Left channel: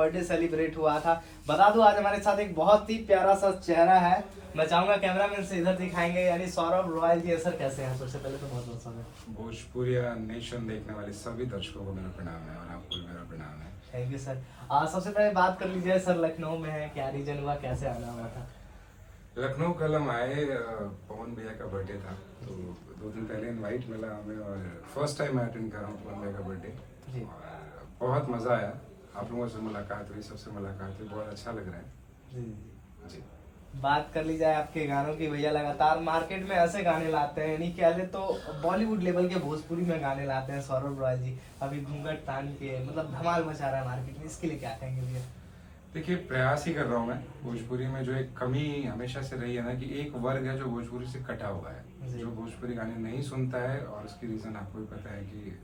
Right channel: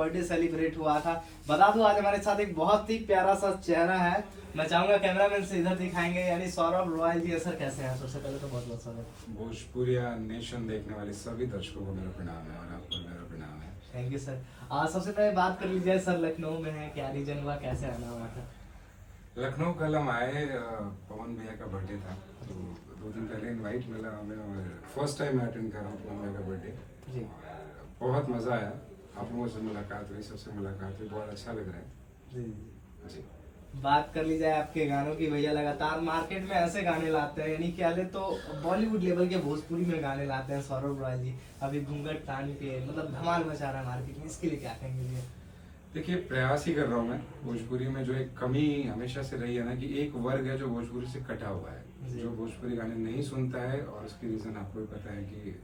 Birthday celebrate हुआ था। बता दूं आज हमारे साथ एक बहुत ही प्यारा सा चेहरा है। मैं चाहूंगा कैमरामैन से इधर दिखाएंगे, यानी सौरभ रॉयल जी। सर कैसे हैं? सबसे पहले तो बहुत बहुत स्वागत। भोजपुरिया नेशन देखने वाले सभी दर्शकों को मेरा प्रणाम है और आपको मेरा प्रणाम है। Thank you sir. सबसे पहले बात कर लीजिए सर, लखनऊ में है, क्या रीजन हुआ, कैसे आना हुआ था? लखनऊ कल हम आए, पवन भैया का बर्थडे था तो 2 दिन पहले इनवाइट मिला हमें और फर्स्ट टाइम मैं अटेंड कर रहा हूँ पवन भैया का बर्थडे। जी। बहुत मज़ा आया, आप लोगों से मुलाकात हुई, सबसे मुलाकात हुई, बहुत अच्छा लग रहा है। जी जी। बात कर ली जाए आपके गानों की, भैया लगातार मार्केट में ऐसे गाने लाते हैं, यानी क्या ले तो बॉलीवुड लेवल के भोजपुरी में गाने लाते हैं सौरभ रॉयल जी। अभी घूंघट तान के मतलब धमाल मचा रहा है मार्केट में, इसके लिए क्या कहेंगे भैया? देखिए, प्रयास ही कर रहा हूँ मैं। भोजपुरी में जो एक कमी हमेशा से रही है ना, कि एक वर्ग है जो भोजपुरी से कटा हुआ है, जो भोजपुरी गाने नहीं सुनता है। और उसकी रीज़न आपको भी पता है कि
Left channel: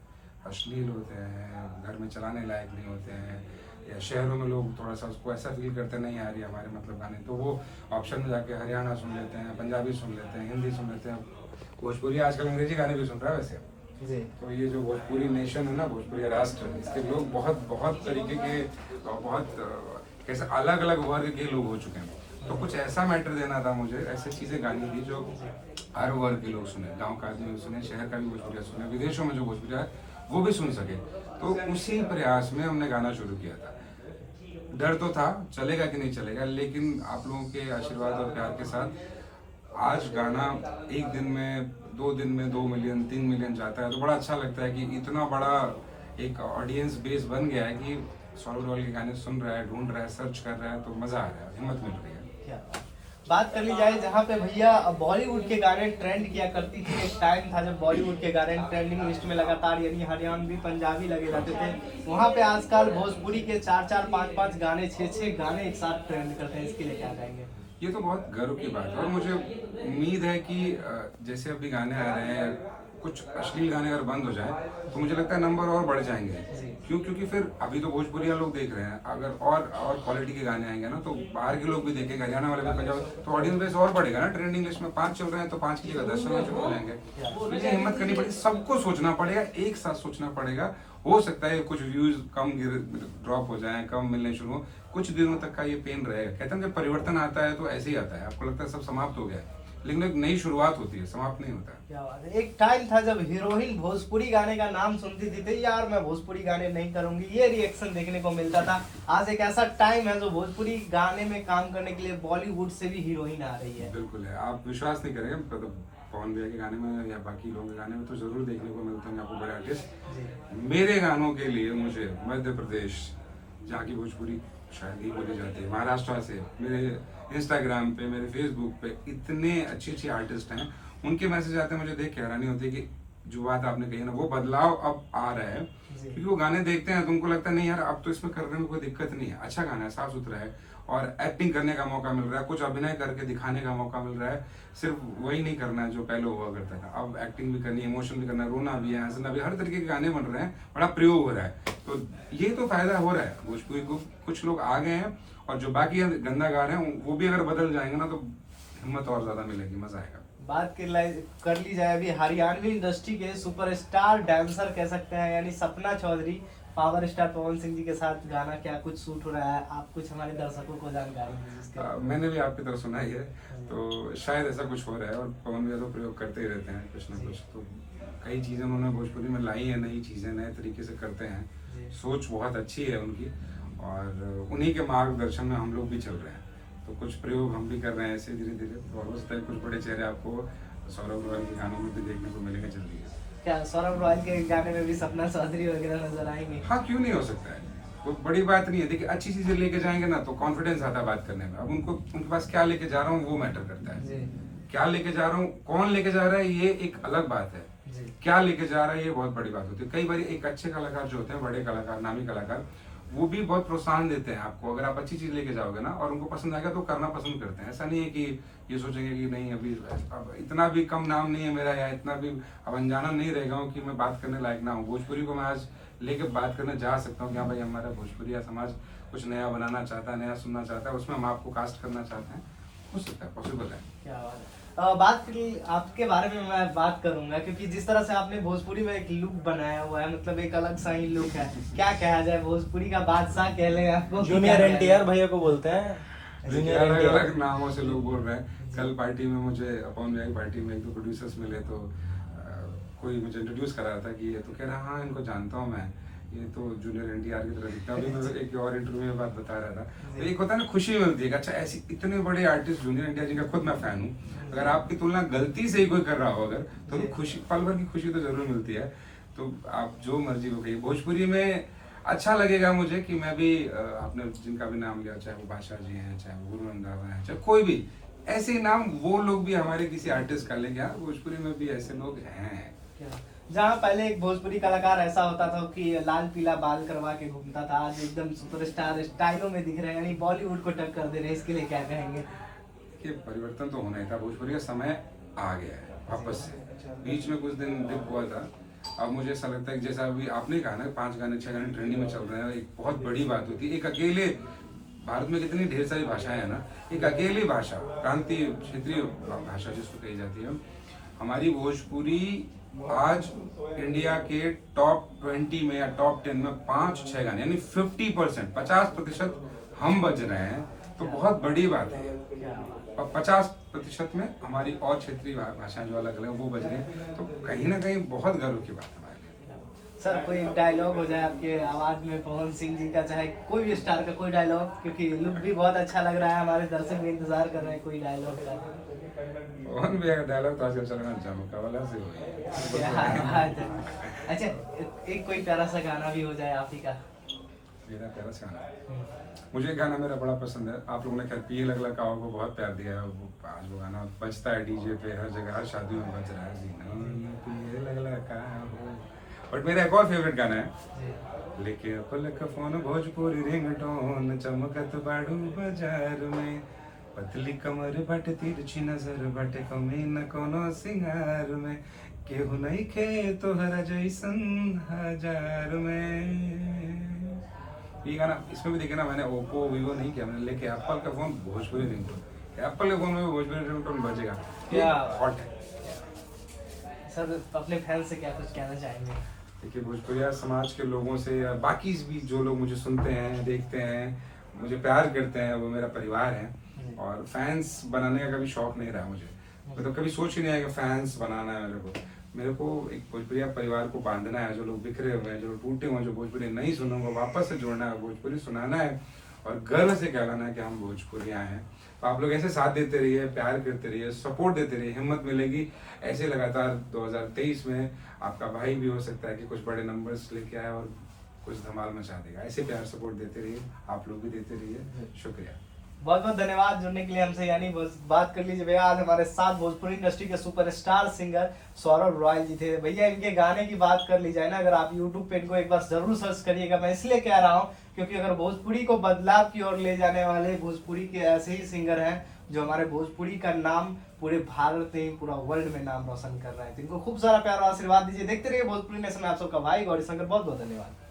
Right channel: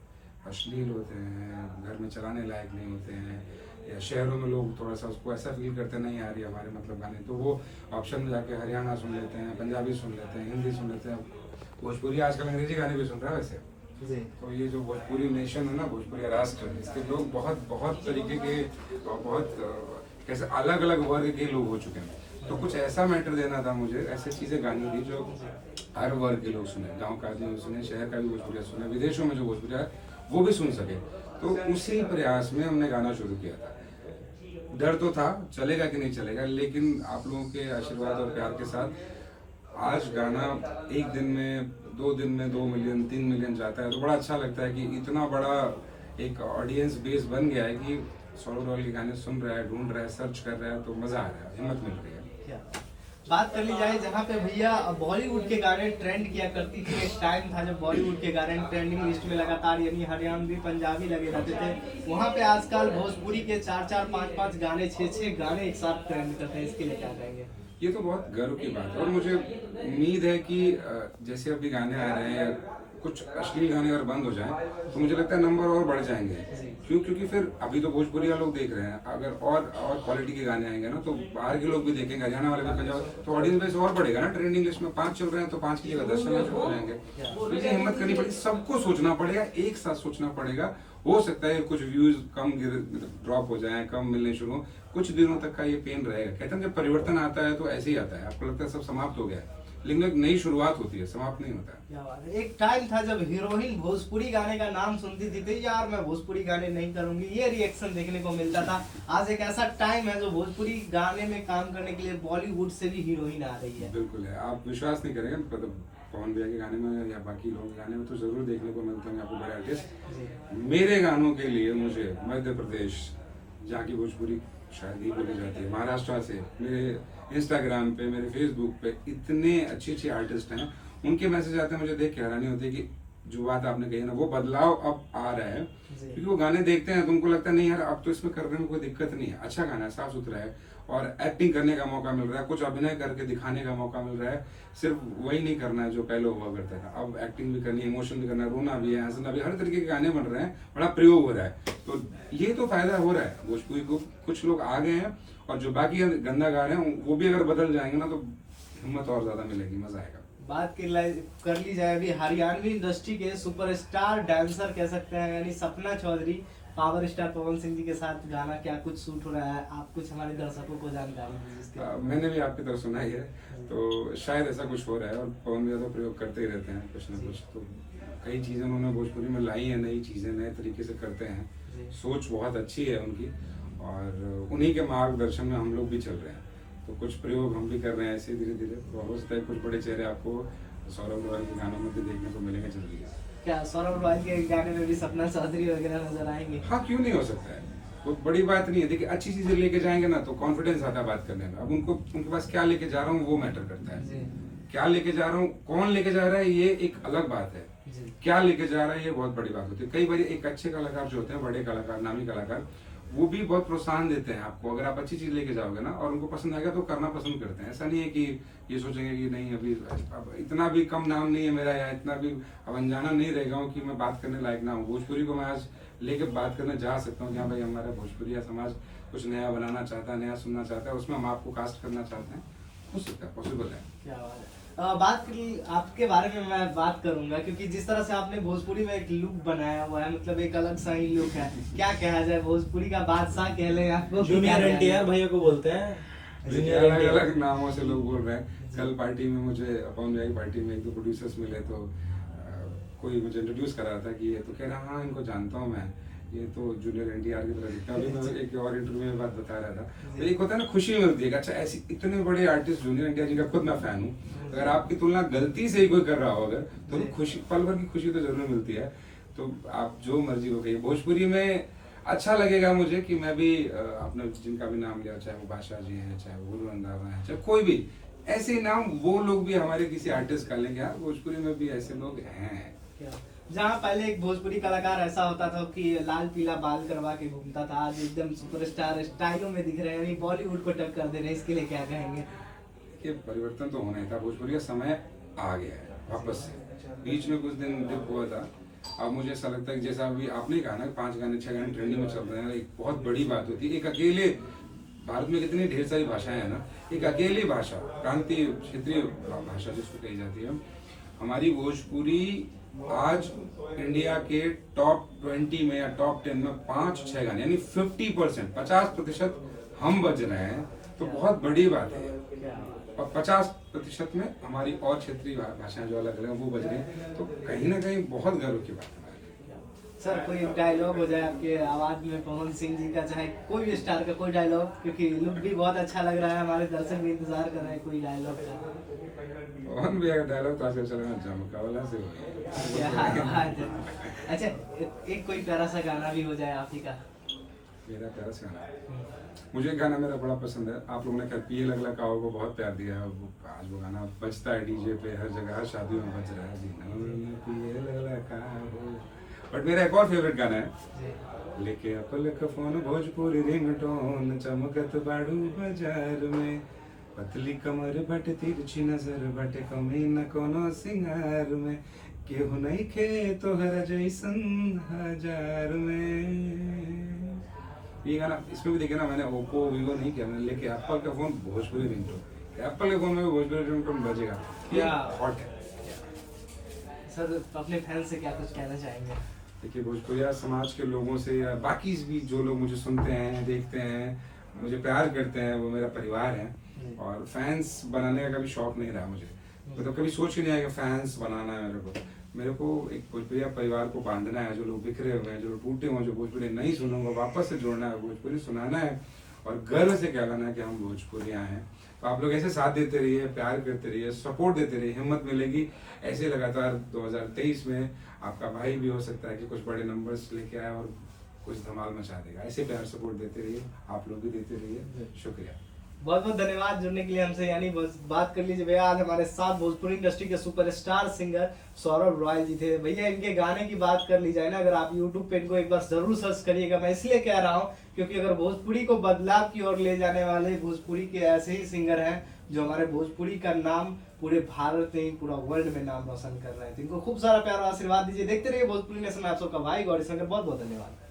अश्लील होते हैं, घर में चलाने लायक नहीं होते हैं, या शहरों में लोग थोड़ा सा उसको ऐसा फील करते नहीं आ रही हमारे मतलब गाने, तो वो ऑप्शन में जाके हरियाणा सुन लेते हैं, पंजाबी सुन लेते हैं, हिंदी सुन लेते हैं। भोजपुरी आजकल अंग्रेजी गाने भी सुन रहा है वैसे। जी। तो ये जो भोजपुरी नेशन है ना, भोजपुरी राष्ट्र, इसके लोग बहुत बहुत तरीके के और बहुत कैसे अलग अलग वर्ग के लोग हो चुके हैं। तो कुछ ऐसा मैटर देना था मुझे, ऐसी चीज़ें गानी थी जो हर वर्ग के लोग सुने, गांव का आदमी भी सुने, शहर का भी भोजपुरिया सुने, विदेशों में जो भोजपुरिया है वो भी सुन सके। तो उसी प्रयास में हमने गाना शुरू किया था। डर तो था चलेगा कि नहीं चलेगा, लेकिन आप लोगों के आशीर्वाद और प्यार के साथ आज गाना 1 दिन में, 2 दिन में 2 मिलियन 3 मिलियन जाता है, तो बड़ा अच्छा लगता है कि इतना बड़ा एक ऑडियंस बेस बन गया है कि सौरभ रॉयल के गाने सुन रहा है, ढूंढ रहा है, सर्च कर रहा है, तो मजा आ रहा है, हिम्मत मिल रही है। क्या बात कर ली जाए, जहाँ पे भैया बॉलीवुड के गाने ट्रेंड किया करती थी, एक टाइम था जब बॉलीवुड के गाने ट्रेंडिंग लिस्ट में लगातार, यानी हरियाणवी पंजाबी लगे रहते थे। वहाँ पे आजकल भोजपुरी के 4-4 5-5 गाने, 6-6 गाने एक साथ ट्रेंड करते हैं, इसके लिए क्या कहेंगे? ये तो बहुत गर्व की बात है और मुझे उम्मीद है कि जैसे अभी गाने आ रहे हैं, कुछ अश्लील गाने अगर बंद हो जाए तो मुझे लगता है नंबर और बढ़ जाएंगे। क्योंकि फिर अभी तो भोजपुरिया लोग देख रहे हैं, अगर और क्वालिटी के गाने आएंगे ना तो बाहर के लोग भी देखेंगे, हरियाणा वाले भी, पंजाब, तो ऑडियंस बेस और बढ़ेगा ना। ट्रेंडिंग लिस्ट में 5 चल रहे हैं तो 5 की जगह 10 चलना शुरू हो जाएंगे। तो ये हिम्मत करनी पड़ेगी, सबको सोचना पड़ेगा, एक साथ सोचना पड़ेगा। हो सकता है कुछ व्यूज कम ड्रॉप हो जाए, कम मिलने शुरू हो, कुछ दिनों तक का ये पेन रहेगा। कहते हैं जब परिवर्तन आता है तो ऐसे ही आता है, आपको लगता है सब समाप्त हो गया है, लेकिन एक नई शुरुआत होती है, समाप्त नहीं होता है। क्या बात है। एक टाइम था जब हीरोइन भोजपुरी गाने का नाम सुनती थी तो यार मैं भोजपुरी गाने नहीं करूंगी, ये रिएक्शन देखने को मिलता था। आज एक ऐसा टाइम है जो भोजपुरी गाने में काम करने के लिए बॉलीवुड से भी हीरोइन आ रही है। बिल्कुल है, आप विश्वास नहीं करेंगे, मतलब पवन भैया के गाने में या बाकी लोगों के गाने में तो जरूर देखने को मिलते हैं आपको बड़े आर्टिस्ट। मेरे गानों के लिए मुझे मध्य प्रदेश, जहाँ की भोजपुरी शायद ही बोली जाती है, महाराष्ट्र से, मेरे इंस्टाग्राम पे, मेरे फेसबुक पे इतने अच्छे अच्छे आर्टिस्ट हैं, उनके मैसेज आते हैं, मुझे देख के हैरानी होती है कि जो बात आपने कही ना, वो बदलाव अब आ रहा है। क्योंकि वो गाने देखते हैं तो उनको लगता है नहीं यार, अब तो इसमें करने में कोई दिक्कत नहीं है, अच्छा गाना है, साफ सुथरा है, और एक्टिंग करने का मौका मिल रहा है, कुछ अभिनय करके दिखाने का मौका मिल रहा है। सिर्फ वही नहीं करना है जो पहले हुआ करता था, अब एक्टिंग भी करनी है, इमोशन भी करना है, रोना भी है, हंसना भी, हर तरीके के गाने बन रहे हैं, बड़ा प्रयोग हो रहा है। तो ये तो फायदा हो रहा है भोजपुरी को, कुछ लोग आ गए हैं, और जो बाकी गंदा गा रहे हैं वो भी अगर बदल जाएंगे ना तो हिम्मत और ज्यादा मिलेगी, मजा आएगा। बात कर ली जाए अभी हरियाणवी इंडस्ट्री के सुपरस्टार डांसर कह सकते हैं, यानी सपना चौधरी, पावर स्टार पवन सिंह जी के साथ गाना क्या कुछ शूट हो रहा है, आप कुछ हमारे दर्शकों को जानकारी दीजिए। मैंने भी आपकी तरफ सुना ही है, तो शायद ऐसा कुछ हो रहा है, और पवन भैया तो प्रयोग करते ही रहते हैं कुछ ना कुछ। तो कई चीजें उन्होंने भोजपुरी में लाई है, नई चीजें नए तरीके से करते हैं, सोच बहुत अच्छी है उनकी, और उन्हीं के मार्गदर्शन में हम लोग भी चल रहे हैं। तो कुछ प्रयोग हम भी कर रहे हैं ऐसे धीरे धीरे, और हो सकता है कुछ बड़े चेहरे आपको सौरभ रॉयल के गानों में भी देखने को मिलेंगे जल्दी। क्या सौरभ रॉयल के गाने में भी सपना चौधरी वगैरह नजर आएंगे? हाँ, क्यों नहीं हो सकता है, कोई बड़ी बात नहीं है। देखिए, अच्छी चीजें लेके जाएंगे ना तो कॉन्फिडेंस आता है बात करने में। अब उनके पास क्या लेके जा रहा हूँ वो मैटर करता है। क्या लेके जा रहा हूँ, कौन लेके जा रहा है, ये एक अलग बात है। क्या लेके जा रहा है ये बहुत बड़ी बात होती है। कई बार एक अच्छे कलाकार जो होते हैं, बड़े कलाकार, नामी कलाकार, वो भी बहुत प्रोत्साहन देते हैं आपको। अगर आप अच्छी चीज लेके जाओगे ना और उनको पसंद आएगा तो करना पसंद करते हैं। ऐसा नहीं है कि ये सोचेंगे कि नहीं अभी अब इतना भी कम नाम नहीं है मेरा, या इतना भी अब अनजाना नहीं रह गया हूँ कि मैं बात करने लायक ना हूँ। भोजपुरी को मैं आज लेके बात करने जा सकता हूँ कि हाँ भाई, हमारा भोजपुरिया समाज कुछ नया बनाना चाहता है, नया सुनना चाहता है, उसमें हम आपको कास्ट करना चाहते हैं, हो सकता है, पॉसिबल है। क्या बात है। बात आपके बारे में मैं बात करूंगा, क्योंकि जिस तरह से आपने भोजपुरी में एक लुक बनाया हुआ है, मतलब एक अलग सा ही लुक है। क्या कहा जाए, भोजपुरी का बादशाह कह ले आपको? जूनियर एनटीआर भैया को बोलते हैं। देखिए अलग अलग नामों से लोग बोल रहे हैं। कल पार्टी में मुझे अपॉन की पार्टी में एक दो प्रोड्यूसर्स मिले, तो कोई मुझे इंट्रोड्यूस करा रहा था कि ये तो कह रहा हाँ इनको जानता हूँ मैं, ये तो जूनियर एनटीआर की तरह दिखता है। अभी मैं एक और इंटरव्यू में बात बता रहा था, तो एक होता है ना खुशी मिलती है, अच्छा ऐसी इतने बड़े आर्टिस्ट जूनियर एनटीआर जिनका खुद मैं फैन हूँ, अगर आपकी तुलना गलती से ही कोई कर रहा हो अगर, तो खुशी पल भर की खुशी तो जरूर मिलती है। तो आप जो मर्जी हो कहिए, भोजपुरी में अच्छा लगेगा मुझे कि मैं भी आपने जिनका भी नाम लिया, चाहे वो बादशाह जी हैं, चाहे वो गुरु रंधावा है, चाहे कोई भी ऐसे नाम, वो लोग भी हमारे किसी आर्टिस्ट का लेंगे। हाँ, भोजपुरी में भी ऐसे लोग हैं। जहाँ पहले एक भोजपुरी कलाकार ऐसा होता था कि लाल पीला बाल करवा के घूमता था, आज एकदम सुपरस्टार स्टाइलों में दिख रहे हैं, यानी बॉलीवुड को टक्कर दे रहे हैं, इसके लिए क्या कहेंगे? कि परिवर्तन तो होना ही था, भोजपुरी का समय आ गया है वापस से। बीच में कुछ दिन डिप हुआ था, अब मुझे ऐसा लगता है कि जैसा अभी आपने कहा ना 5 गाने 6 गाने ट्रेंडिंग में चल रहे हैं, एक बहुत बड़ी बात होती है। एक अकेले भारत में कितनी ढेर सारी भाषाएं हैं ना, एक अकेली भाषा प्रांतीय क्षेत्रीय भाषा जिसको कही जाती है, हमारी भोजपुरी आज इंडिया के टॉप 20 में या टॉप 10 में 5-6 गाने यानी 50%, 50% हम बज रहे हैं, तो बहुत बड़ी बात है। और 50% में हमारी और क्षेत्रीय भाषाएं जो अलग अलग वो बज रही हैं, तो कहीं ना कहीं बहुत गर्व की बात है हमारे लिए। सर कोई डायलॉग हो जाए आपके आवाज में, पवन सिंह जी का, चाहे कोई भी स्टार का कोई डायलॉग, क्योंकि लुक भी बहुत अच्छा लग रहा है, हमारे दर्शक भी इंतजार कर रहे हैं कोई डायलॉग का। पवन भैया का डायलॉग तो आजकल चल रहा है, झमका वाला से हो क्या बात है। अच्छा, एक कोई प्यारा सा गाना भी हो जाए आप ही का। मेरा प्यारा सा गाना, मुझे गाना मेरा बड़ा पसंद है। आप लोगों ने क्या पिए लग लगा को बहुत प्यार दिया है, आज वो गाना बजता है डीजे पे हर जगह, हर शादियों में बज रहा है, जीना पिए लग लगा हो। बट मेरा एक और फेवरेट गाना है, लेके अपल का फोन भोजपुरी रिंगटोन, चमकत बाड़ू बाजार में, पतली कमर बट तिरछी नजर बट कमी न कोनो सिंगार में, केहू नहीं खे तोहरा जैसन हजार में। ये गाना इसमें भी देखे ना, मैंने ओप्पो वीवो नहीं किया, मैंने लेके एप्पल का फोन भोजपुरी रिंगटोन, एप्पल के फोन में भोजपुरी रिंगटोन बजेगा। क्या हॉट है। सर अपने फैन से क्या कुछ कहना चाहेंगे? देखिए भोजपुरिया समाज के लोगों से या बाकी भी जो लोग मुझे सुनते हैं, देखते हैं, मुझे प्यार करते हैं, वो मेरा परिवार है। और फैंस बनाने का कभी शौक नहीं रहा मुझे, मतलब कभी सोच ही नहीं आया कि फैंस बनाना है मेरे को एक भोजपुरिया परिवार को बांधना है, जो लोग बिखरे हुए हैं, जो लोग टूटे हुए, जो भोजपुरी नहीं सुने, वो वापस से जोड़ना है, भोजपुरी सुनाना है और गर्व से कहना है कि हम भोजपुरिया हैं। आप लोग ऐसे साथ देते रहिए, प्यार करते रहिए, सपोर्ट देते रहिए, हिम्मत मिलेगी ऐसे लगातार। 2023 में आपका भाई भी हो सकता है कि कुछ बड़े नंबर्स लेके आए और कुछ धमाल मचा देगा। ऐसे प्यार सपोर्ट देते रहिए, आप लोग भी देते रहिए। शुक्रिया, बहुत बहुत धन्यवाद जुड़ने के लिए हमसे। यानी बात कर लीजिए भैया, आज हमारे साथ भोजपुरी इंडस्ट्री के सुपरस्टार सिंगर सौरभ रॉयल जी थे। भैया इनके गाने की बात कर ली जाए ना, अगर आप यूट्यूब पे इनको एक बार जरूर सर्च करिएगा। मैं इसलिए कह रहा हूँ क्योंकि अगर भोजपुरी को बदलाव की ओर ले जाने वाले भोजपुरी के ऐसे ही सिंगर हैं जो हमारे भोजपुरी का नाम पूरे भारत में, पूरा वर्ल्ड में नाम रोशन कर रहे हैं। तो इनको खूब सारा प्यार और आशीर्वाद दीजिए। देखते रहिए भोजपुरी नेशन में आप सबका भाई गौरी शंकर। बहुत बहुत धन्यवाद।